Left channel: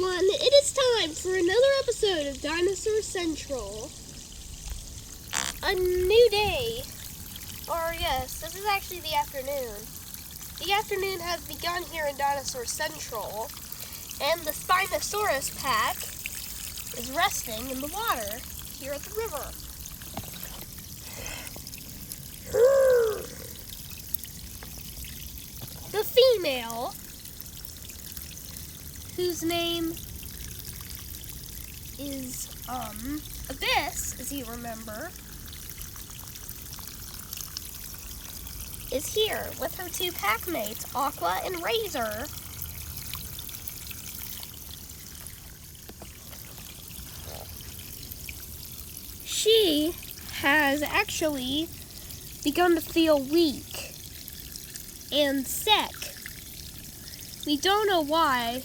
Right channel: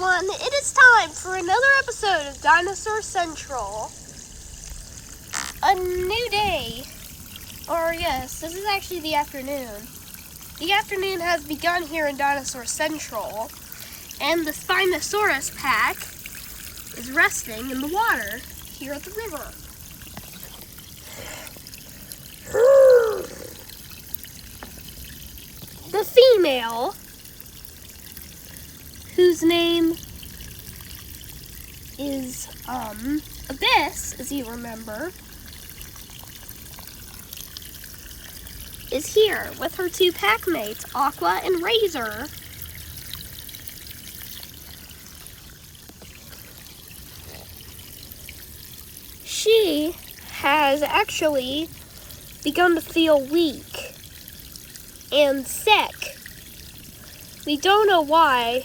everyone, it is time for another episode of Dinosaur Central. A new day. Or yes, this is actually the afternoon. The afternoon has begun here in Dinosaur Central, and the Spinosaurus pack is resting in the water here at the river. The female, whose name is Abyss, as you remember, is here with her two pack mates, Aqua and Razor. She has actually begun to feel weak and sick. We don't know why.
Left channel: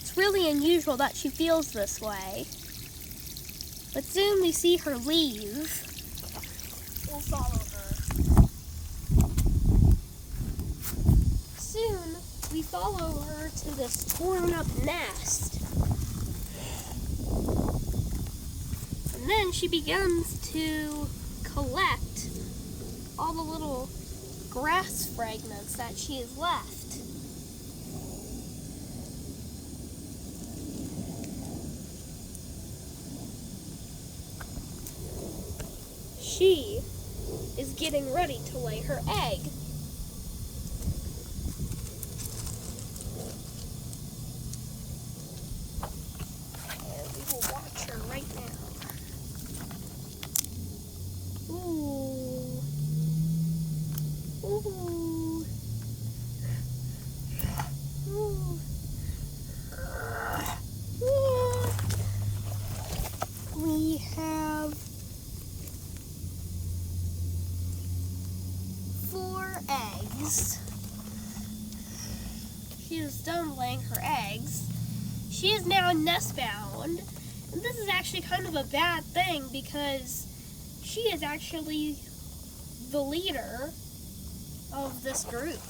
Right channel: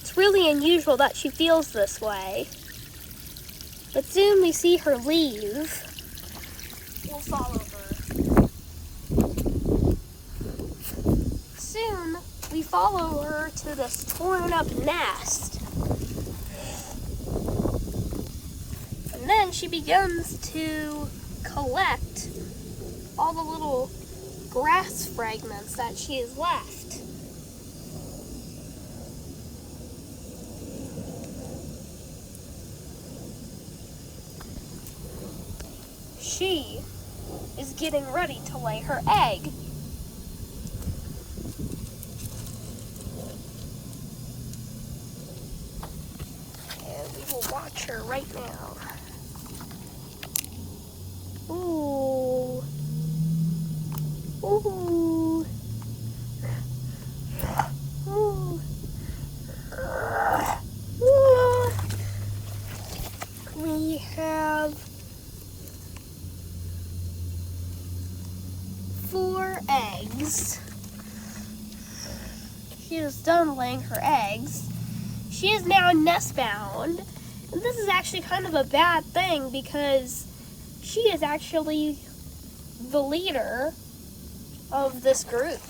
It's really unusual that she feels this way. But soon we see her leave. We'll follow her. Soon we follow her to this torn up nest. And then she begins to collect all the little grass fragments that she has left. She is getting ready to lay her egg. And we will watch her right now. Ooh. Ooh. Ooh. We have 4 eggs. She is done laying her eggs. She is now nest bound. And this is actually kind of a bad thing because she is actually the leader of this group,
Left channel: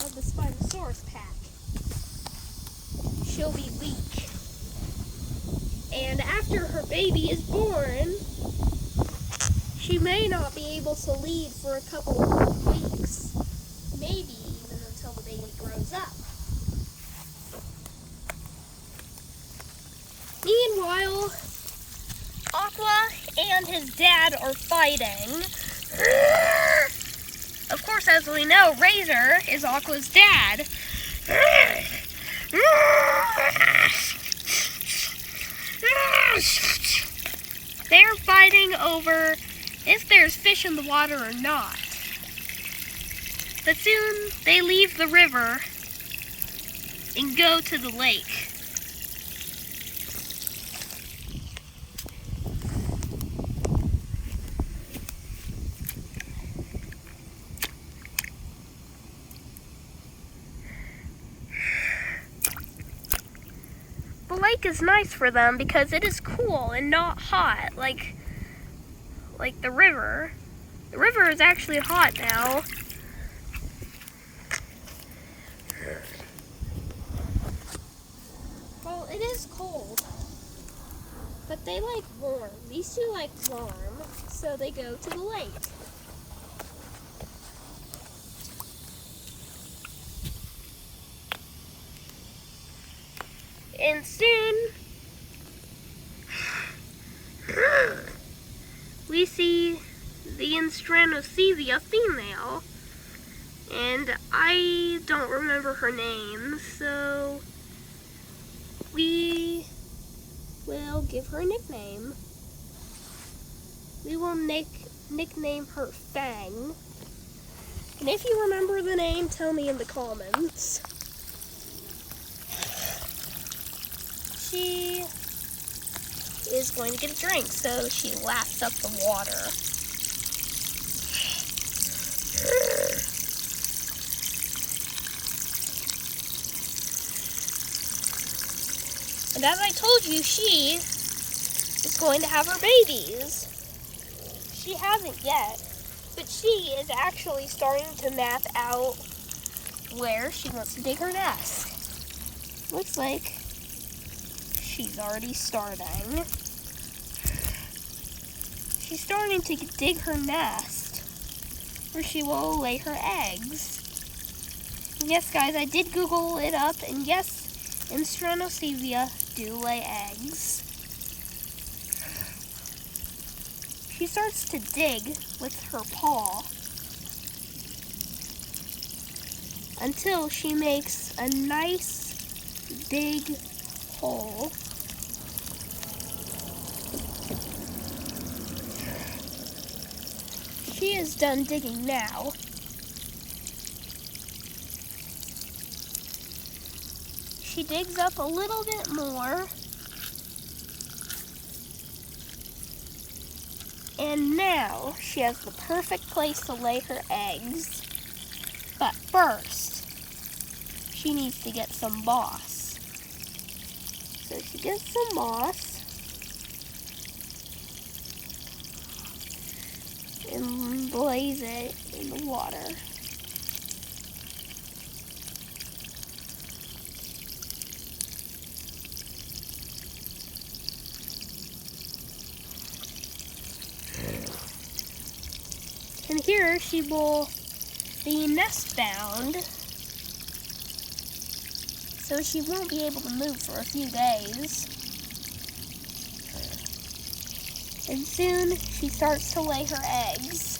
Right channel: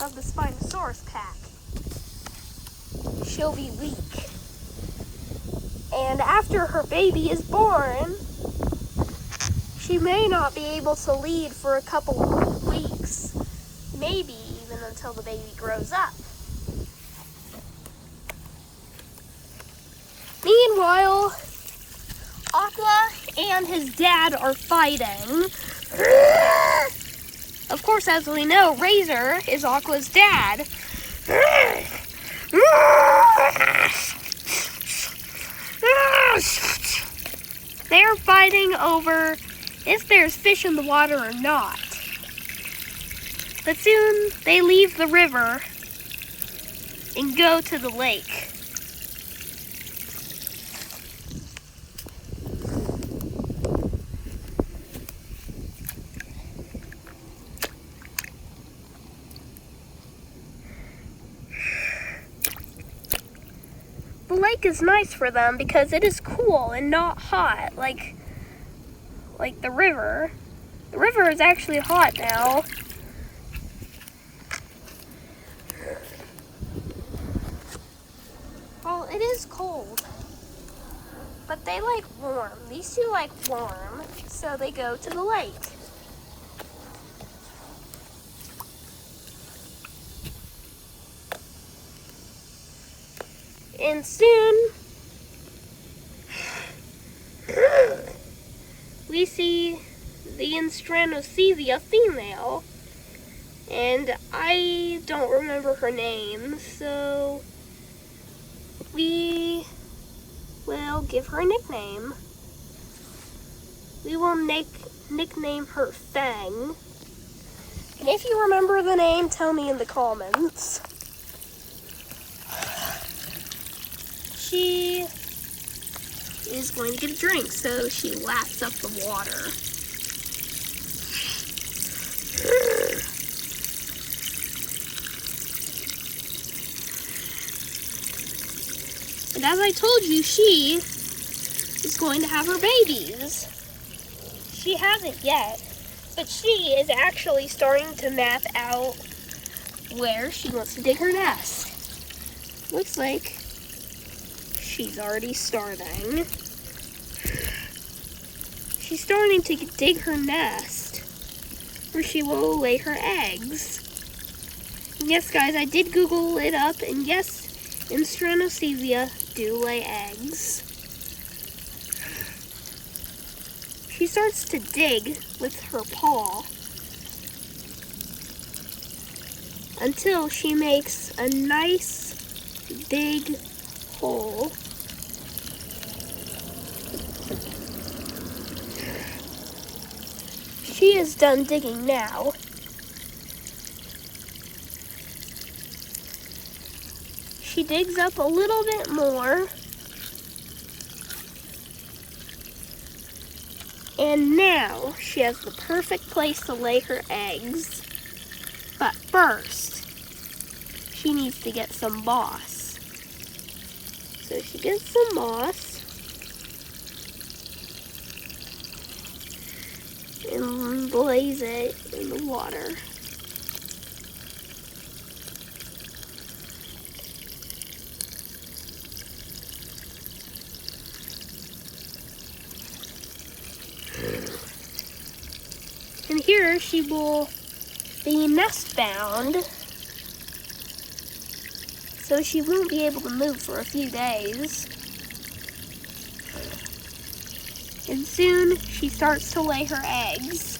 of the Spinosaurus pack. She'll be weak. And after her baby is born, she may not be able to lead for a couple of weeks, maybe even until the baby grows up. Meanwhile, Aqua and his dad are fighting. Of course, as we know, Razor is Aqua's dad. They're fighting over if there's fish in the water or not. But soon they leave the river and go to the lake. The lake is nice for them because it is cool and not hot like the river. The river is actually hot now. Well, it is cold, but they like warm. These two like warm, so they go to the lake. And soon, we see the Instranocesia female, and I don't remember her name, so we will give her a nickname. We will nickname her Fang. And if you remember the name, tell me in the comments. She is going to get a drink, so she laps up the water. And as I told you, she is going to have her babies. She hasn't yet, but she is actually starting to map out where she wants to dig her nest. looks like she's already starting. She's starting to dig her nest where she will lay her eggs. And yes, guys, I did Google it up, and yes, Instranosevia do lay eggs. She starts to dig with her paw until she makes a nice big hole. She is done digging now. She digs up a little bit more. And now she has the perfect place to lay her eggs. But first, she needs to get some moss. So she gets some moss and lays it in the water. And here she will be nest bound, so she won't be able to move for a few days. And soon she starts to lay her eggs.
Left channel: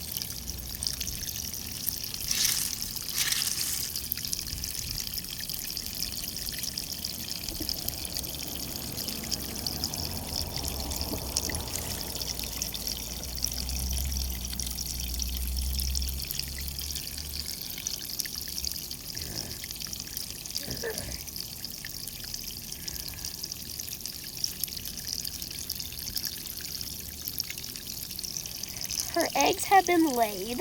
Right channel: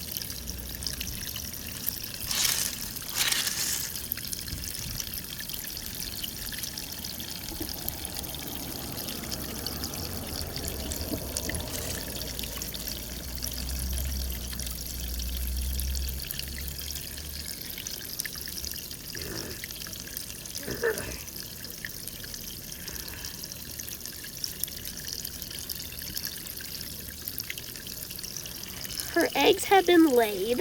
Her eggs have been laid.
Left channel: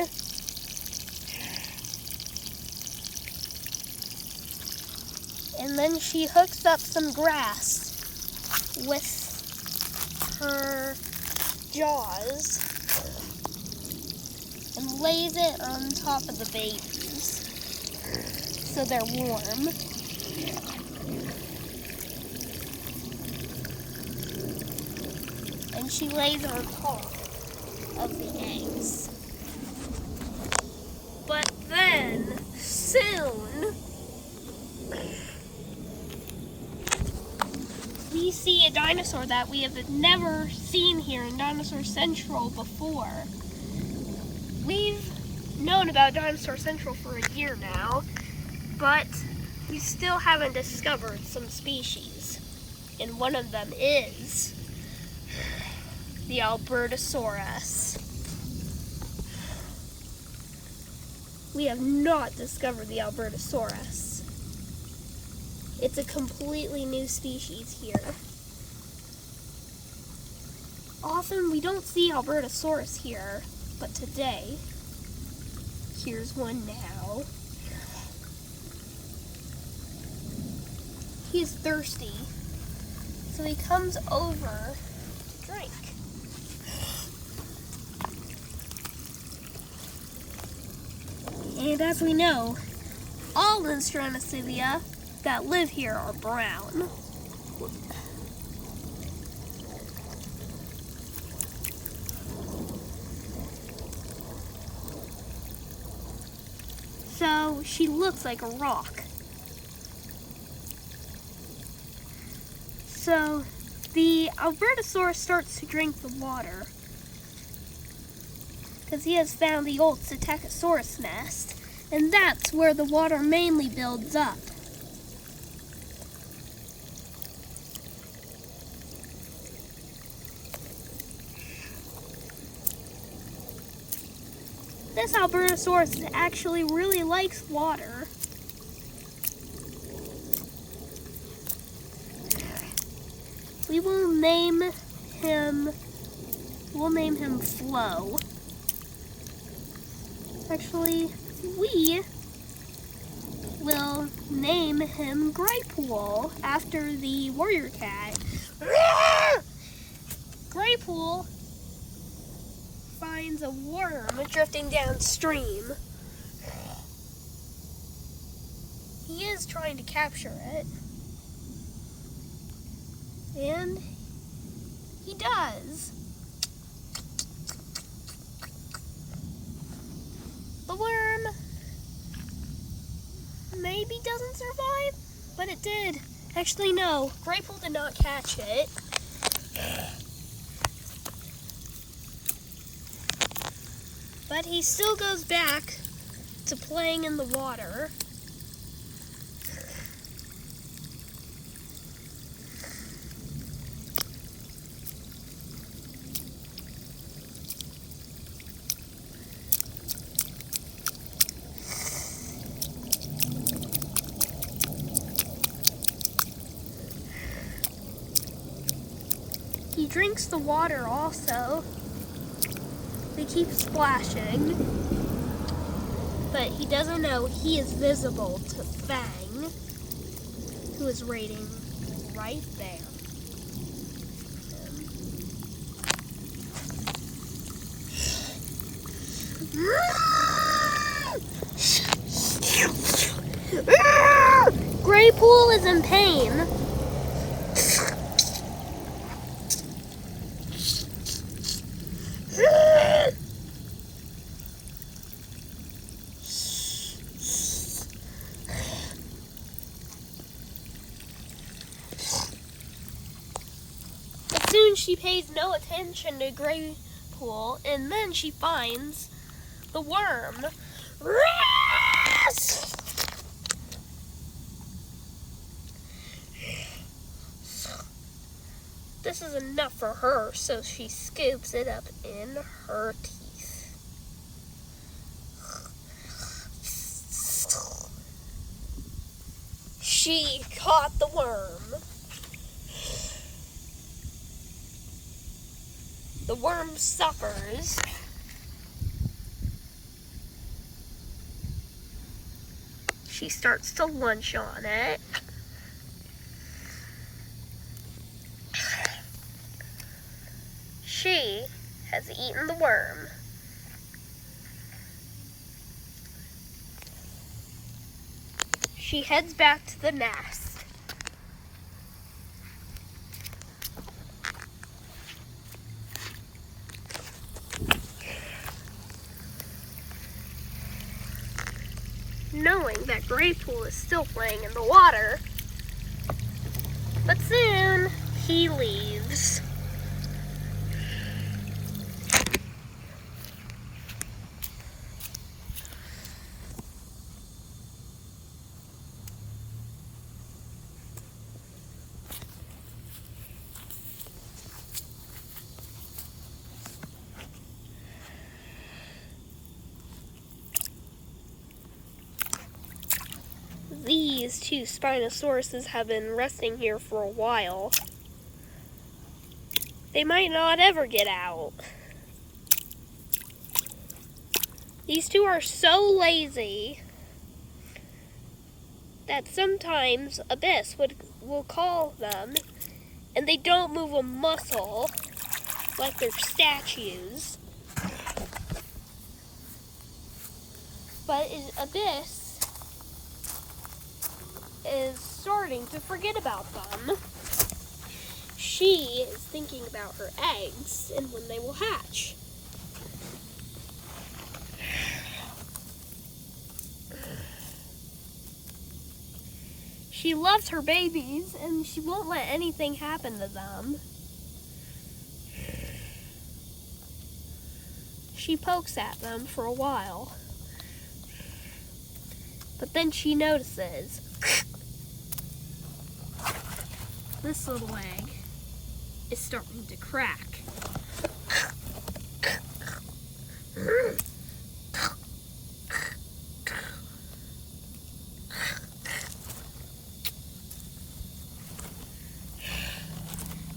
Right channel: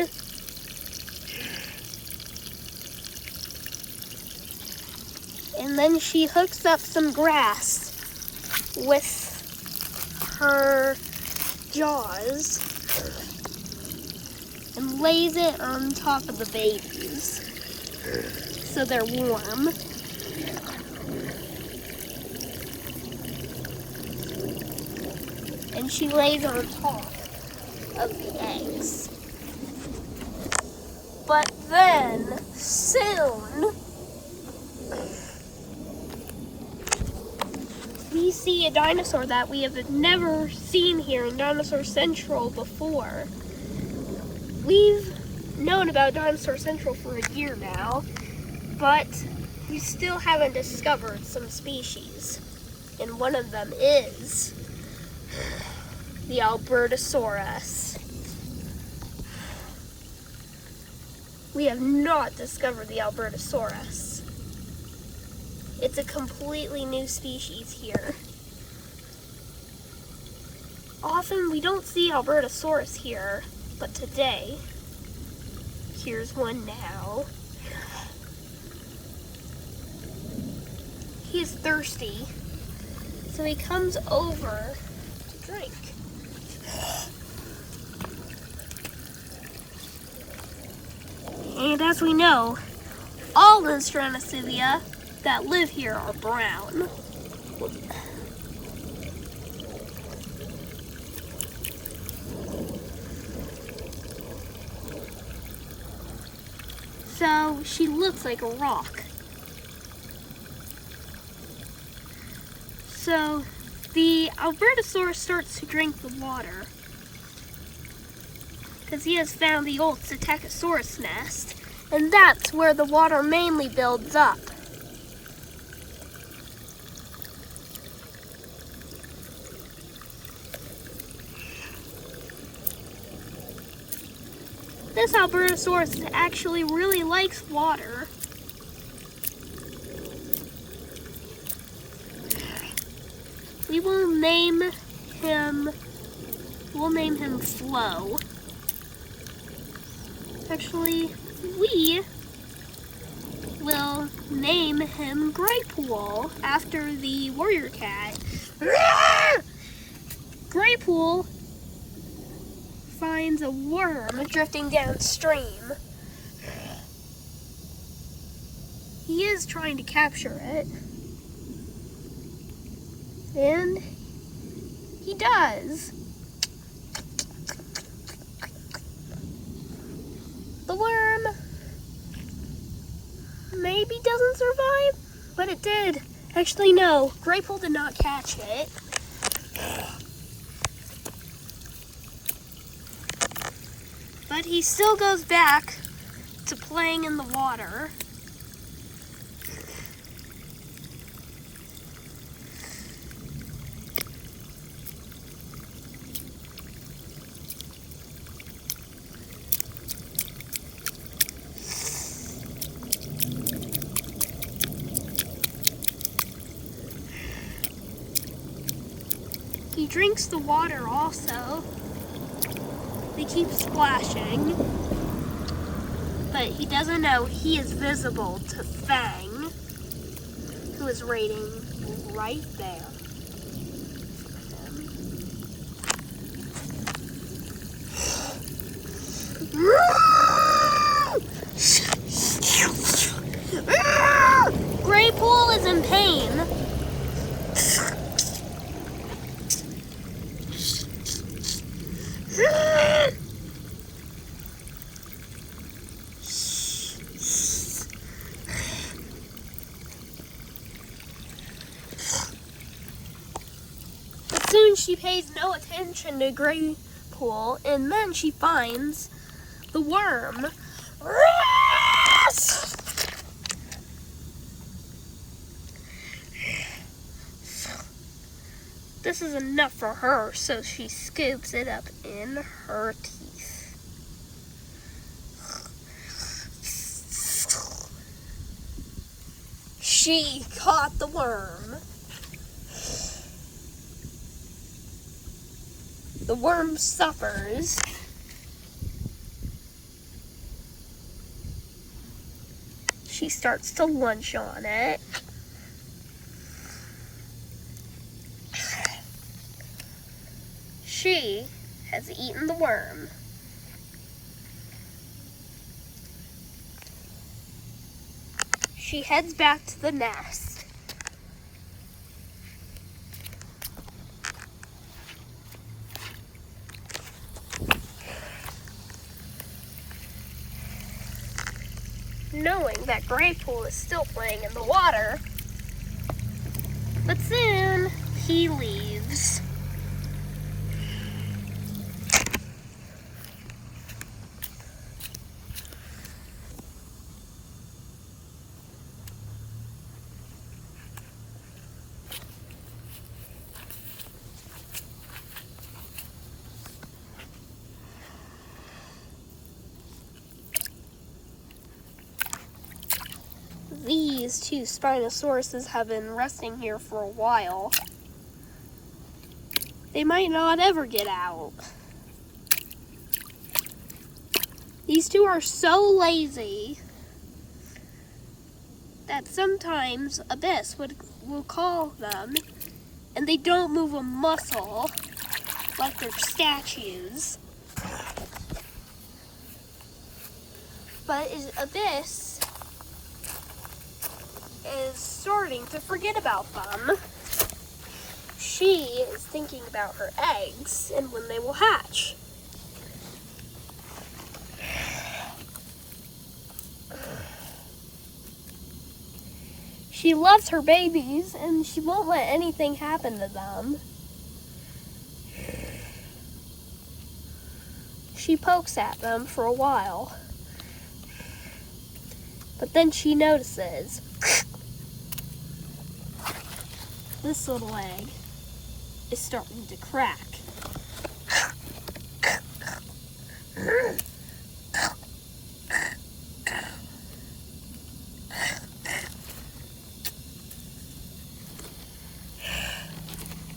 And then she hooks up some grass with her jaws and lays it on top of the babies so they're warm. And she lays on top of the eggs. But then, soon, we see a dinosaur that we have never seen here in Dinosaur Central before. We've known about Dinosaur Central for a year now, but we still haven't discovered some species. And one of them is the Albertosaurus. We have not discovered the Albertosaurus. It's a completely new species here. Often we don't see Albertosaurus here, but today, here's one now. He is thirsty, so he comes over to drink. And as we know, all Instranosevia that live here are brown. So she looks like a rock. So the Albertosaurus starts to drink the water because he has found the old Psittacosaurus nest, and that's where the water mainly builds up. This Albertosaurus actually really likes water. We'll name him Flo. Actually, we will name him Graypool after the warrior cat. Graypool finds a worm drifting downstream. He is trying to capture it. And he does. The worm maybe doesn't survive, but it did. Actually, no. Graypool did not catch it. But he still goes back to playing in the water. He drinks the water also. They keep splashing, but he doesn't know he is visible to Fang, who is waiting right there. Graypool is in pain. Soon she pays no attention to Graypool, and then she finds the worm. This is enough for her, so she scoops it up in her teeth. She caught the worm. The worm suffers. She starts to lunch on it. She has eaten the worm. She heads back to the nest. Knowing that Graypool is still playing in the water. But soon, he leaves. These two Spinosauruses have been resting here for a while. They might not ever get out. These two are so lazy that sometimes Abyss will call them, and they don't move a muscle like they're statues. But Abyss is starting to forget about them. She is thinking about her eggs and when they will hatch. She loves her babies and she won't let anything happen to them. She pokes at them for a while, but then she notices this little egg is starting to crack.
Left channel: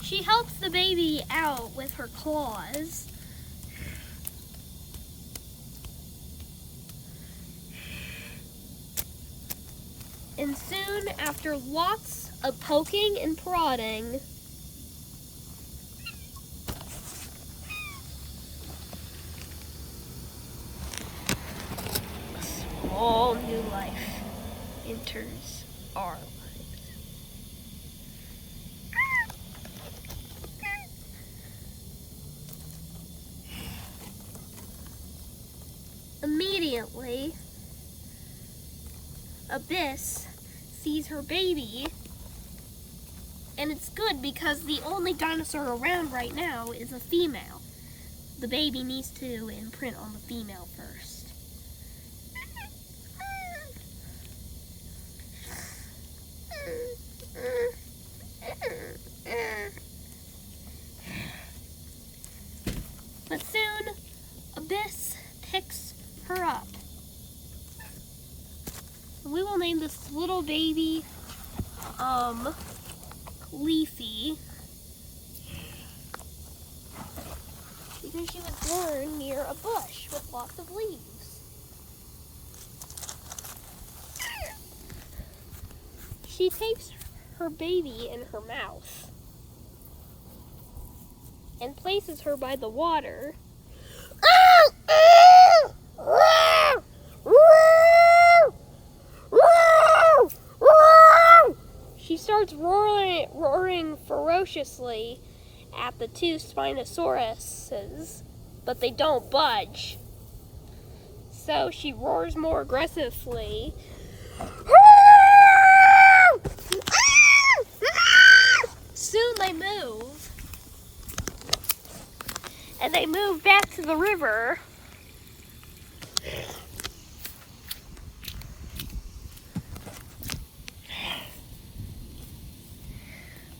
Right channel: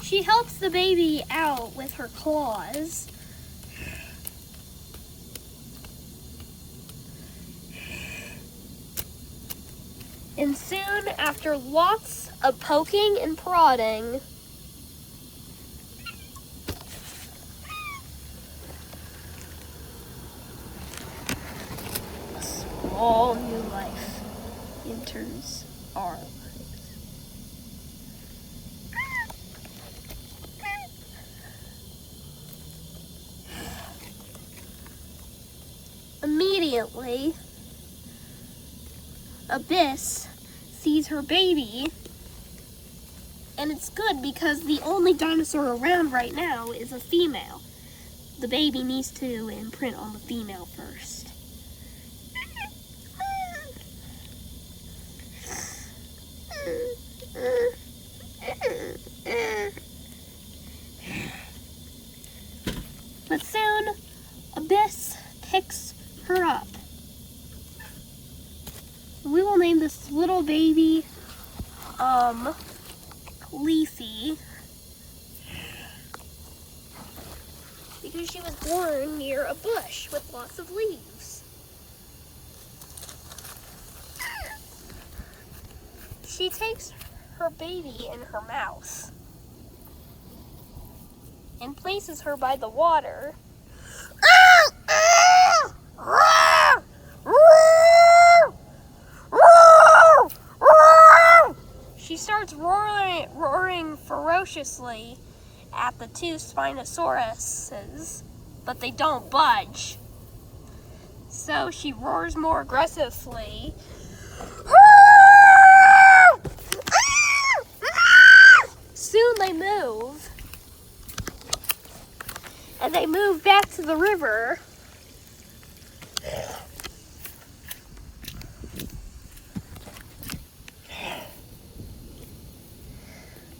She helps the baby out with her claws. And soon, after lots of poking and prodding, a small new life enters our lives. immediately, Abyss sees her baby, and it's good because the only dinosaur around right now is a female. The baby needs to imprint on the female first. But soon, Abyss picks her up. We will name this little baby, Leafy, because she was born near a bush with lots of leaves. She takes her baby in her mouth and places her by the water. She starts roaring ferociously at the two Spinosauruses, but they don't budge. So she roars more aggressively. Soon they move, and they move back to the river.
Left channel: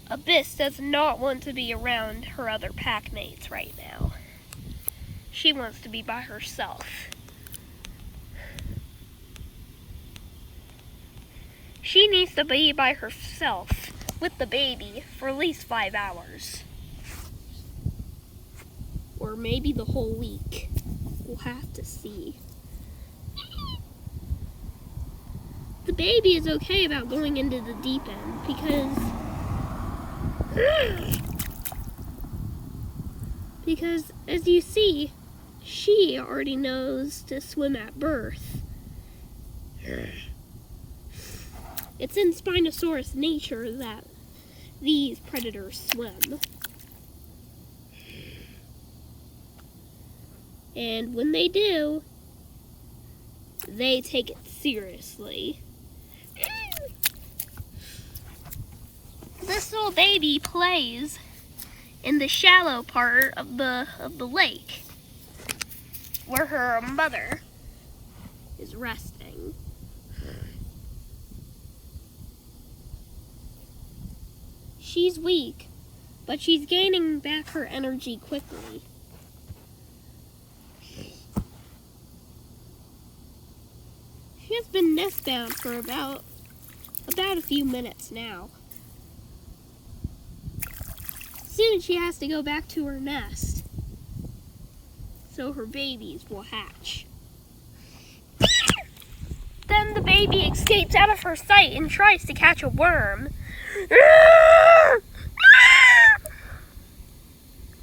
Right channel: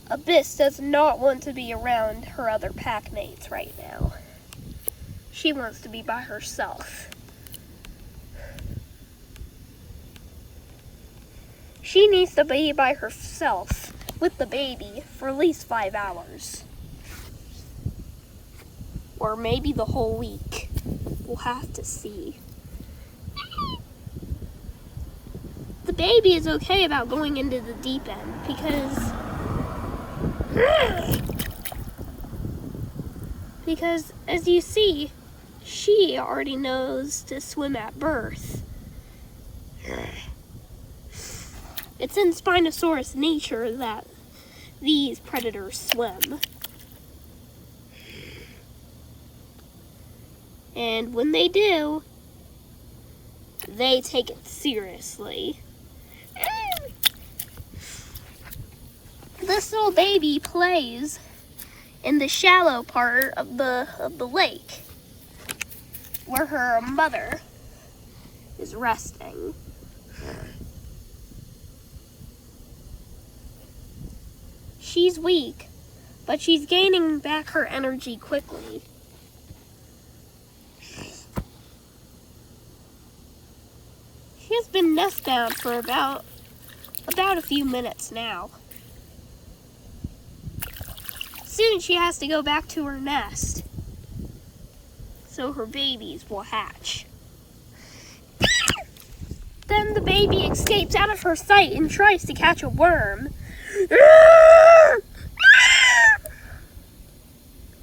Abyss does not want to be around her other pack mates right now. She wants to be by herself. She needs to be by herself with the baby for at least 5 hours. Or maybe the whole week. We'll have to see. The baby is okay about going into the deep end because as you see, she already knows to swim at birth. It's in Spinosaurus nature that these predators swim. And when they do, they take it seriously. This little baby plays in the shallow part of the lake where her mother is resting. She's weak, but she's gaining back her energy quickly. She has been nest bound for about a few minutes now. Soon she has to go back to her nest so her babies will hatch. Then the baby escapes out of her sight and tries to catch a worm.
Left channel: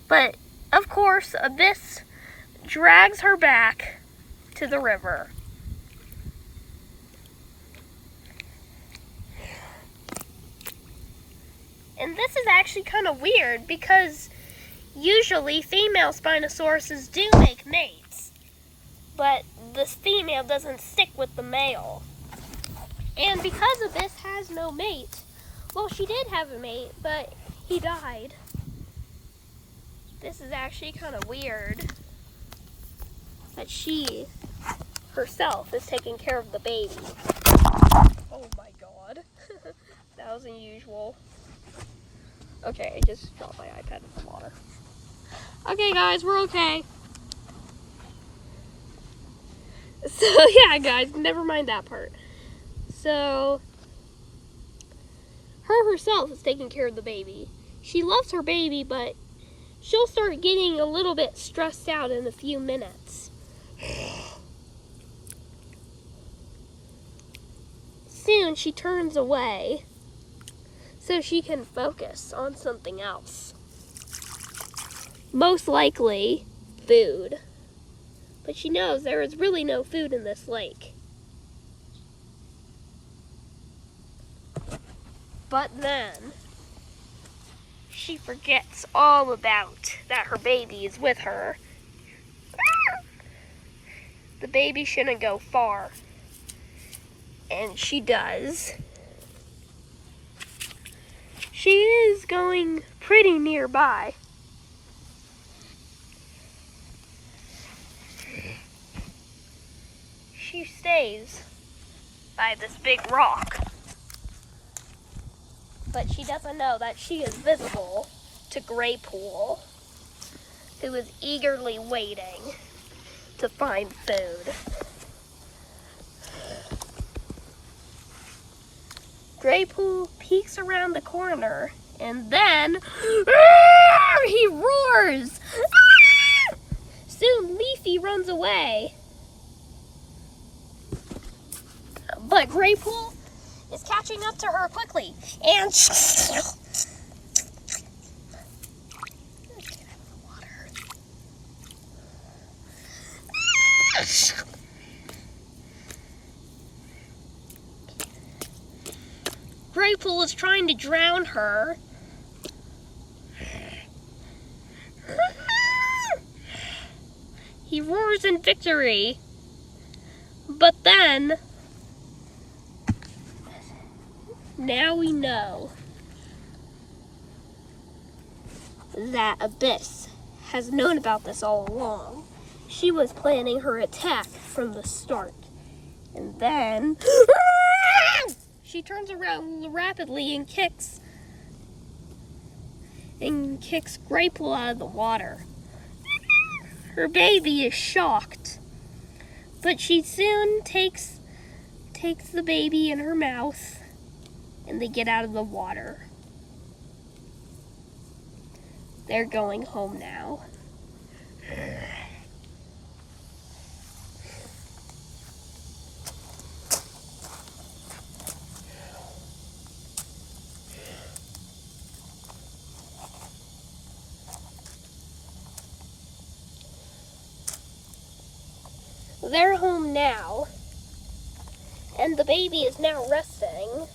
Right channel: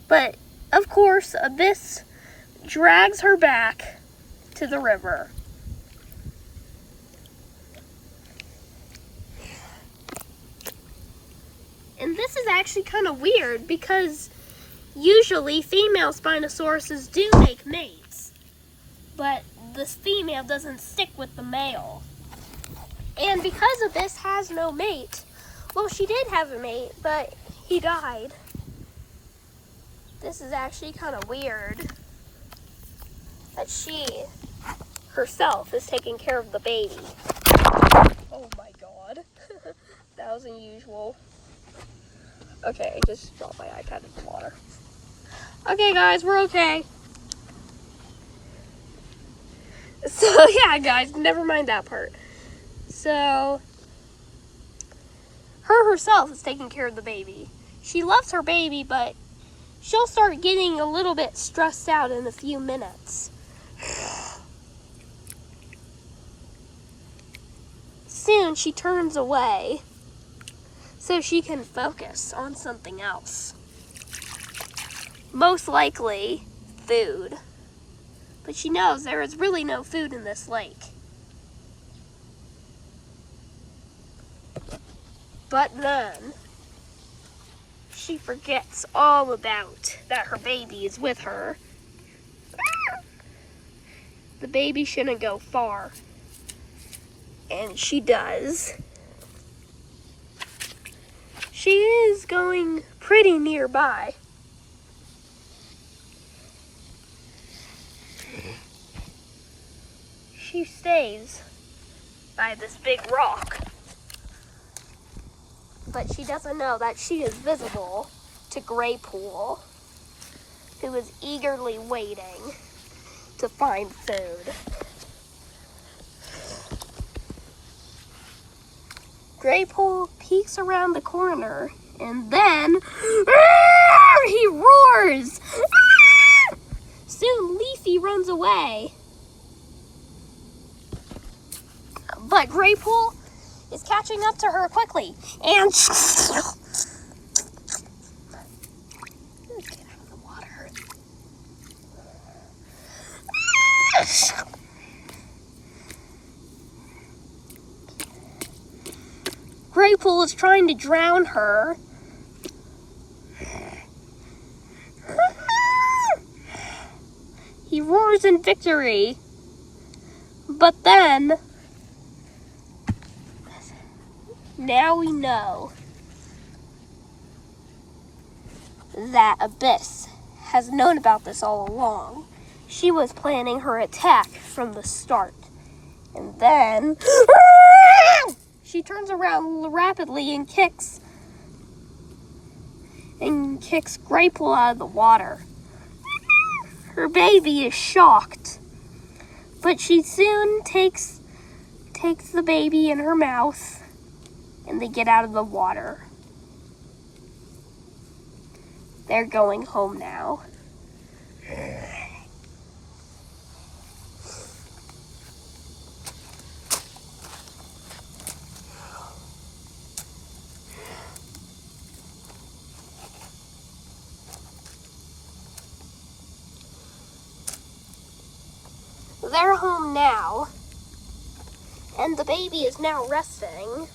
But, of course, Abyss drags her back to the river. And this is actually kind of weird because usually female Spinosauruses do make mates, but the female doesn't stick with the male. And because Abyss has no mate, well, she did have a mate, but he died. This is actually kind of weird that she herself is taking care of the baby. Oh my god. That was unusual. Okay, I just dropped my iPad in the water. Okay, guys, we're okay. So, yeah, guys, never mind that part. So, her herself is taking care of the baby. She loves her baby, but she'll start getting a little bit stressed out in a few minutes. Soon, she turns away so she can focus on something else. Most likely, food. But she knows there is really no food in this lake. But then, she forgets all about that her baby is with her. the baby shouldn't go far. And she does. She is going pretty nearby. She stays by this big rock. But she doesn't know that she is visible to Graypool, who is eagerly waiting to find food. Graypool peeks around the corner, and then he roars. Soon Leafy runs away. But Graypool is catching up to her quickly, and Graypool is trying to drown her. He roars in victory. But then, now we know that Abyss has known about this all along. She was planning her attack from the start. And then she turns around rapidly and kicks Graypool out of the water. Her baby is shocked, but she soon takes the baby in her mouth, and they get out of the water. They're going home now. They're home now, and the baby is now resting.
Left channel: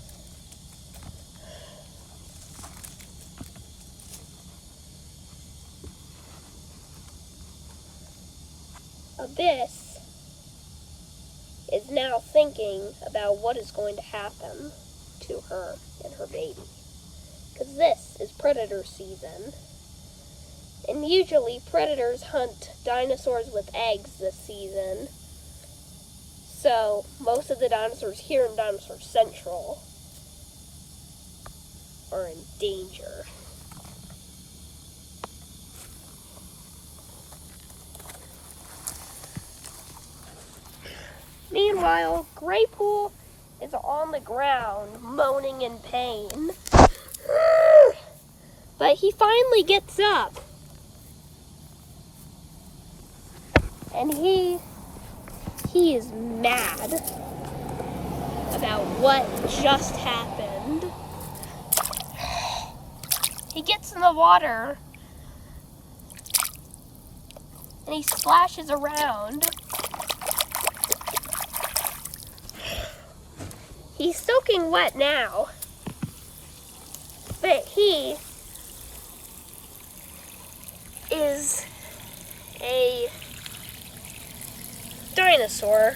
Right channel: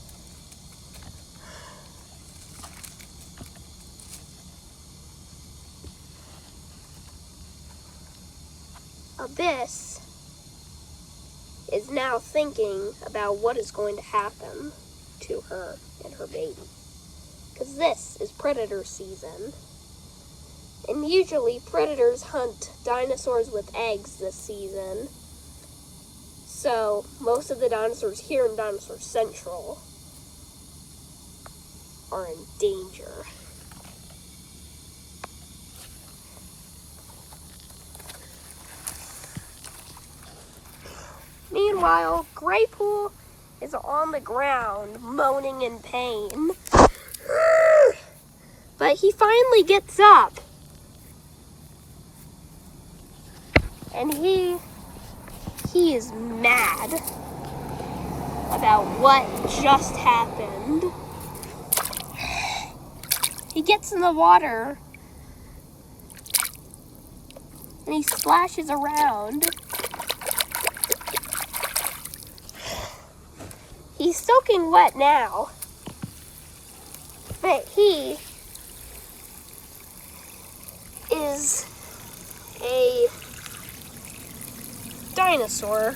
Abyss is now thinking about what is going to happen to her and her baby, because this is predator season. And usually predators hunt dinosaurs with eggs this season. So most of the dinosaurs here in Dinosaur Central are in danger. Meanwhile, Graypool is on the ground moaning in pain. But he finally gets up. And he is mad about what just happened. He gets in the water and he splashes around. He's soaking wet now, but he is a dinosaur.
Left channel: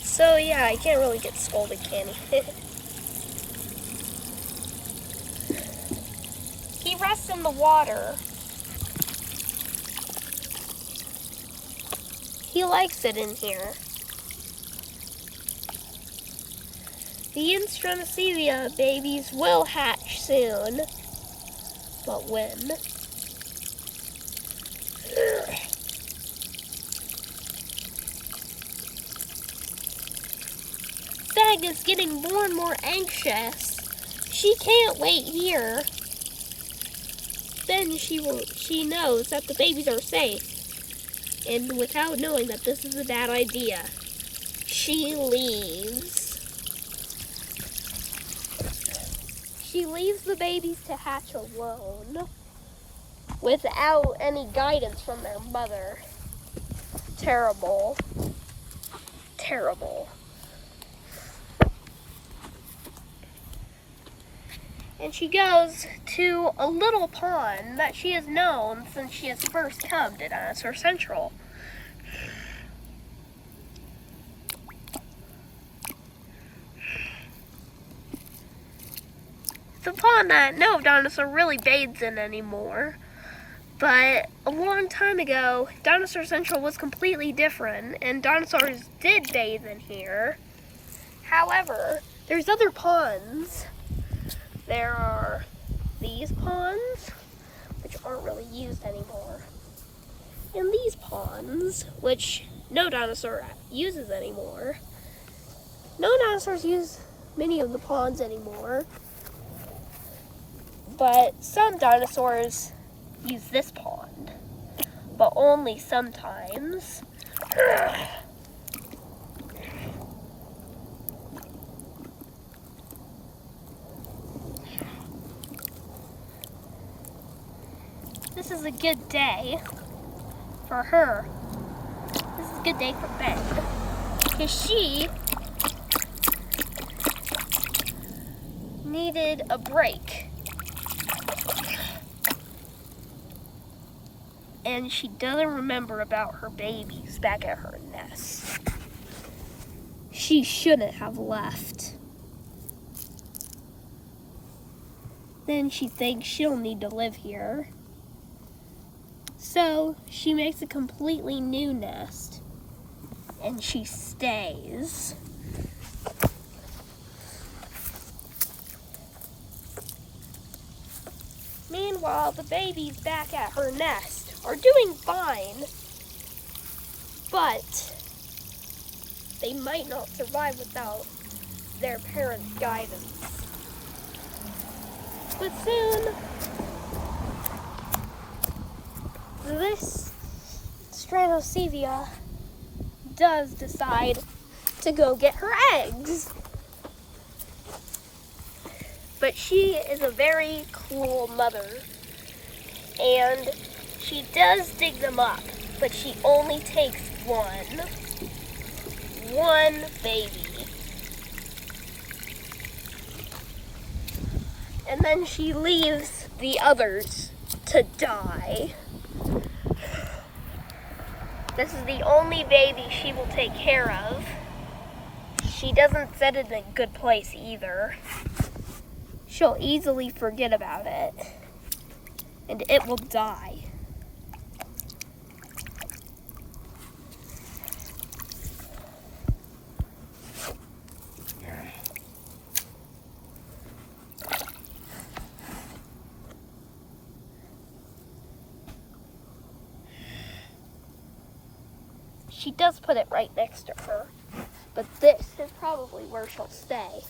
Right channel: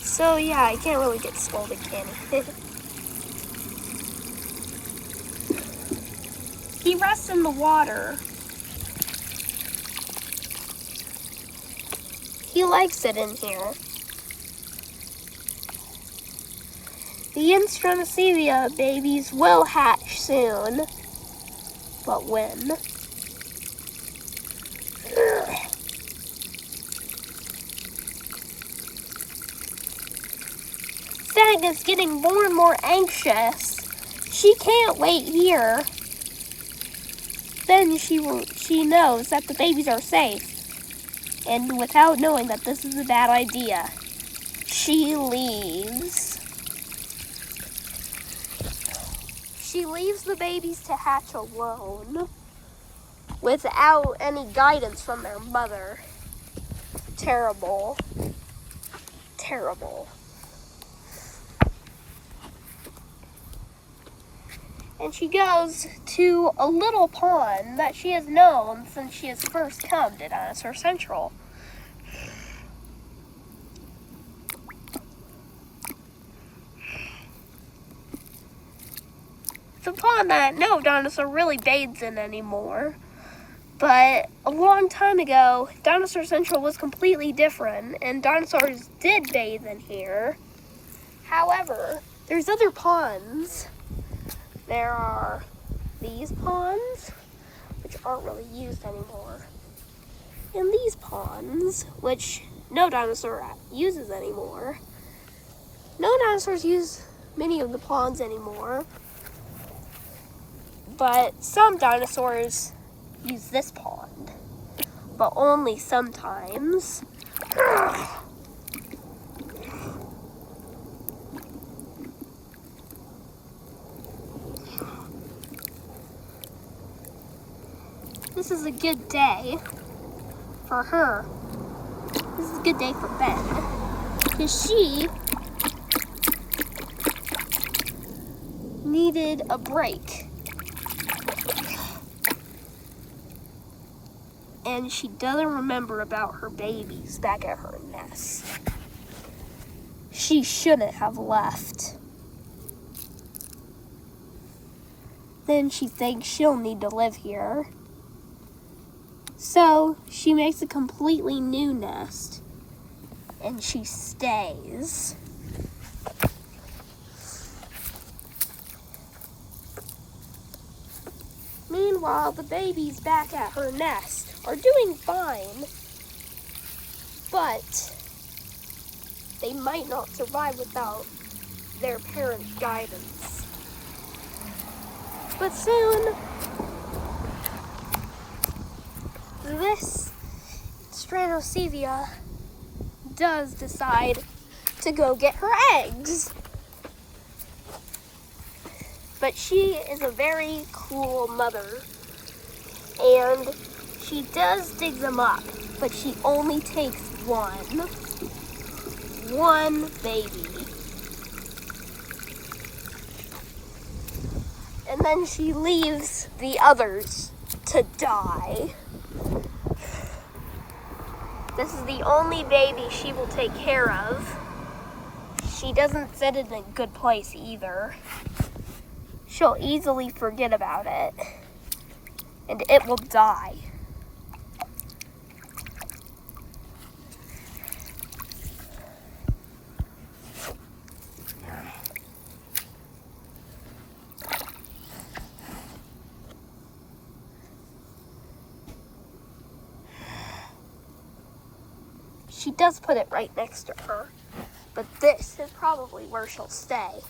So yeah, I can't really get scolded, can he? He rests in the water. He likes it in here. The Instrumacivia babies will hatch soon. But when? Stag is getting more and more anxious. She can't wait here. Then she knows that the babies are safe. And without knowing that this is a bad idea, she leaves. She leaves the babies to hatch alone, without any guidance from their mother. Terrible. Terrible. And she goes to a little pond that she has known since she has first come to Dinosaur Central. a pond that no dinosaur really bathes in anymore. But a long time ago, Dinosaur Central was completely different, and dinosaurs did bathe in here. However, there's other ponds. There are these ponds, which aren't really used anymore. And these ponds, which no dinosaur uses anymore. No dinosaurs use many of the ponds anymore. But some dinosaurs use this pond, but only sometimes. This is a good day for her. This is a good day for Ben, because she needed a break. And she doesn't remember about her babies back at her nest. She shouldn't have left. Then she thinks she'll need to live here. So she makes a completely new nest. And she stays. Meanwhile, the babies back at her nest are doing fine, but they might not survive without their parents' guidance. But soon, this Stranosevia does decide to go get her eggs. But she is a very cruel mother, and she does dig them up, but she only takes one baby. And then she leaves the others to die. This is the only baby she will take care of. She doesn't set it in a good place either. She'll easily forget about it, and it will die. She does put it right next to her, but this is probably where she'll stay.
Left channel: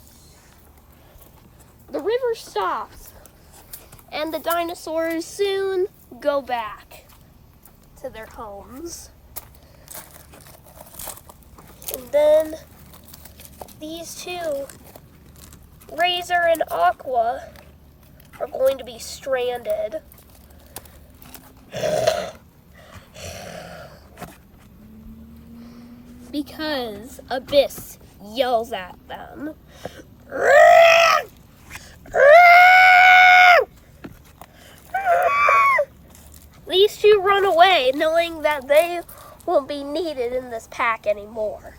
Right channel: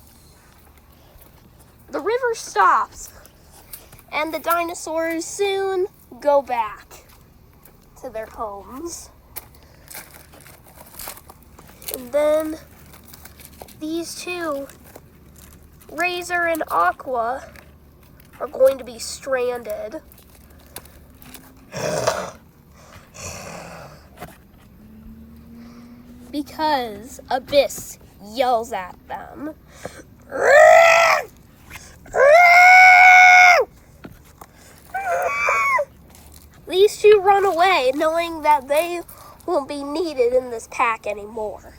The river stops, and the dinosaurs soon go back to their homes. And then these two, Razor and Aqua, are going to be stranded. Because Abyss yells at them. These two run away, knowing that they won't be needed in this pack anymore.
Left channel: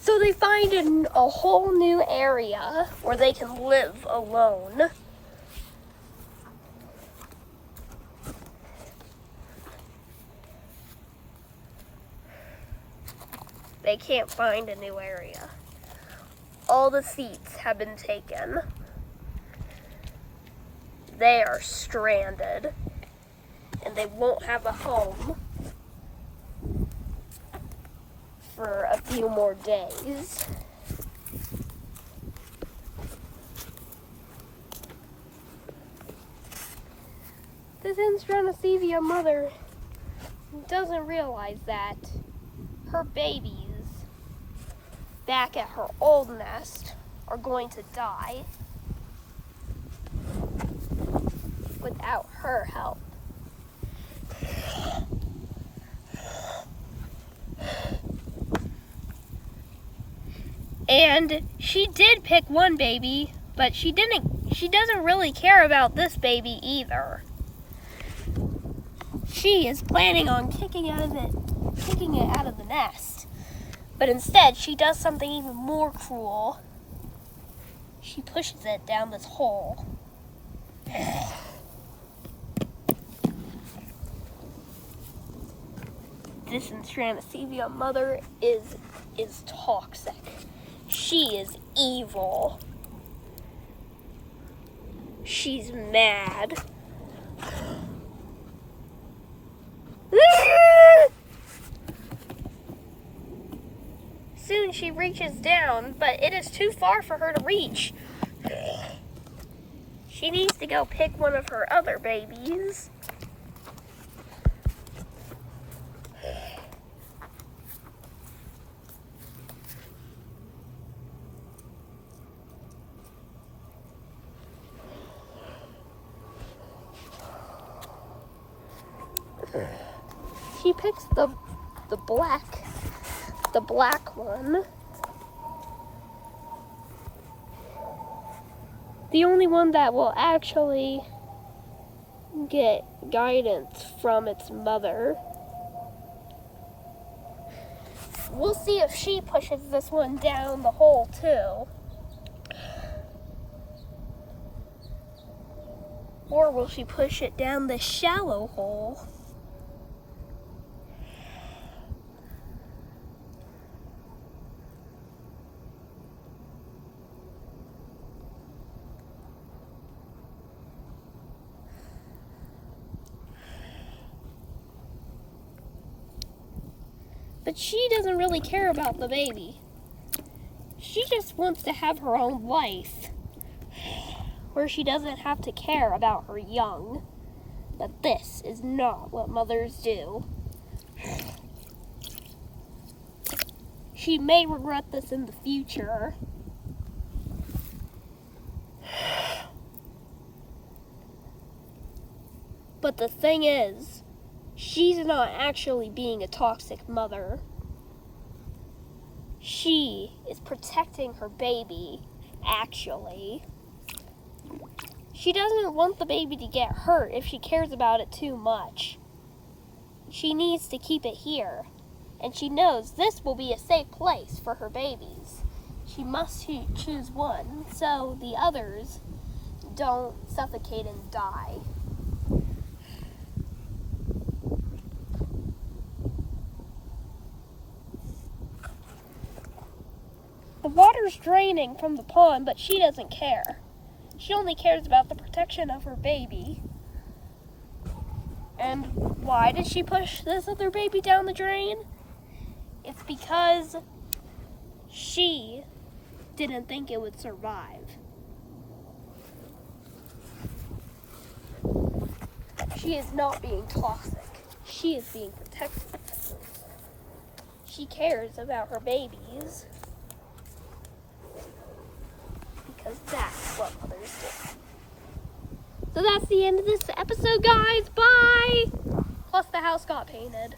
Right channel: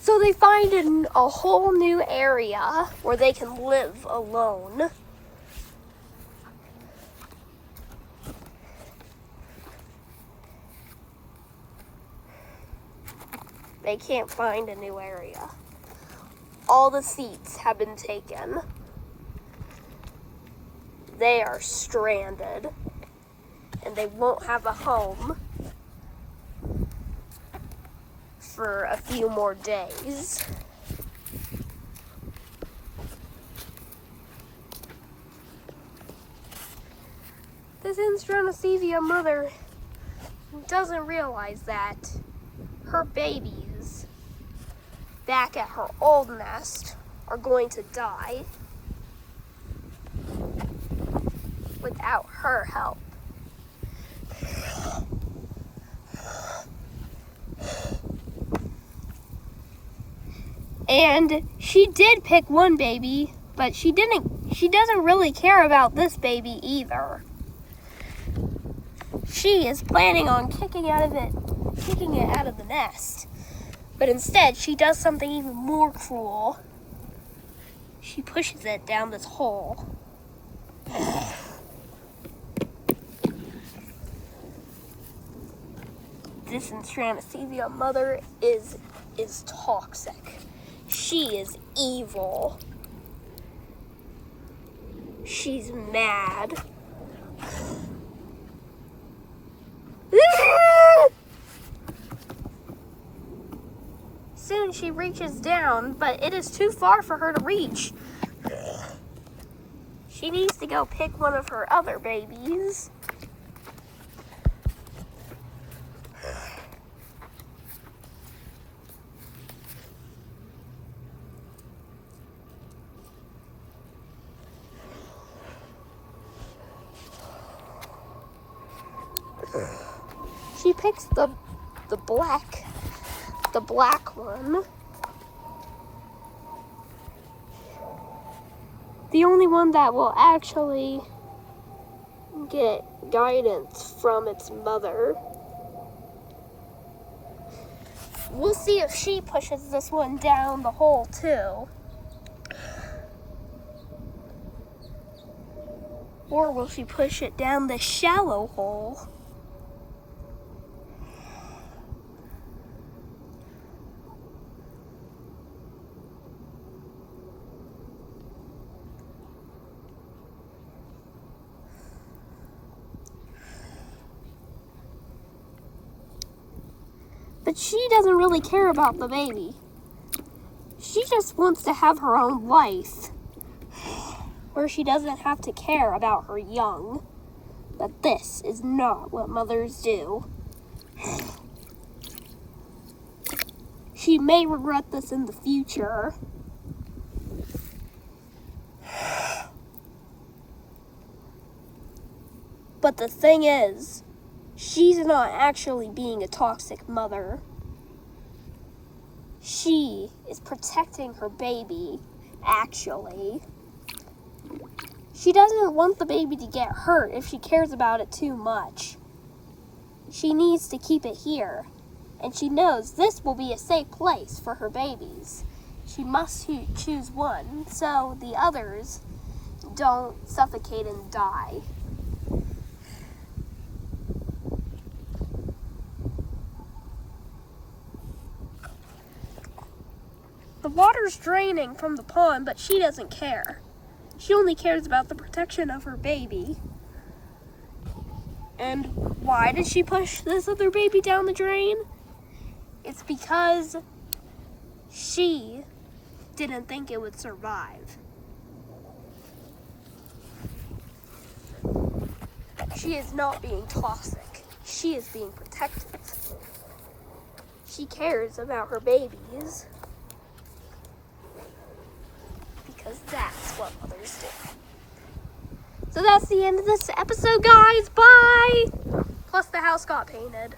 So they find a whole new area where they can live alone. They can't find a new area. All the seats have been taken. They are stranded, and they won't have a home for a few more days. This Stranosevia mother doesn't realize that her babies back at her old nest are going to die without her help. And she did pick one baby, but she doesn't really care about this baby either. She is planning on kicking it out of the nest. But instead, she does something even more cruel. she pushes it down this hole. This Instranisevia mother is toxic. She is evil. She's mad. Soon she reaches down, but it is too far for her to reach. She needs to go pick one of her other babies. She picks the black one. The only one that will actually get guidance from its mother. We'll see if she pushes this one down the hole too. Or will she push it down the shallow hole? But she doesn't really care about the baby. She just wants to have her own life, where she doesn't have to care about her young. But this is not what mothers do. She may regret this in the future. But the thing is, she's not actually being a toxic mother. She is protecting her baby, actually. She doesn't want the baby to get hurt if she cares about it too much. She needs to keep it here, and she knows this will be a safe place for her babies. She must choose one so the others don't suffocate and die. The water's draining from the pond, but she doesn't care. She only cares about the protection of her baby. And why did she push this other baby down the drain? It's because she didn't think it would survive. She is not being toxic. She is being protective. She cares about her babies. Because that's what mothers do. So that's the end of this episode, guys. Bye! Plus the house got painted.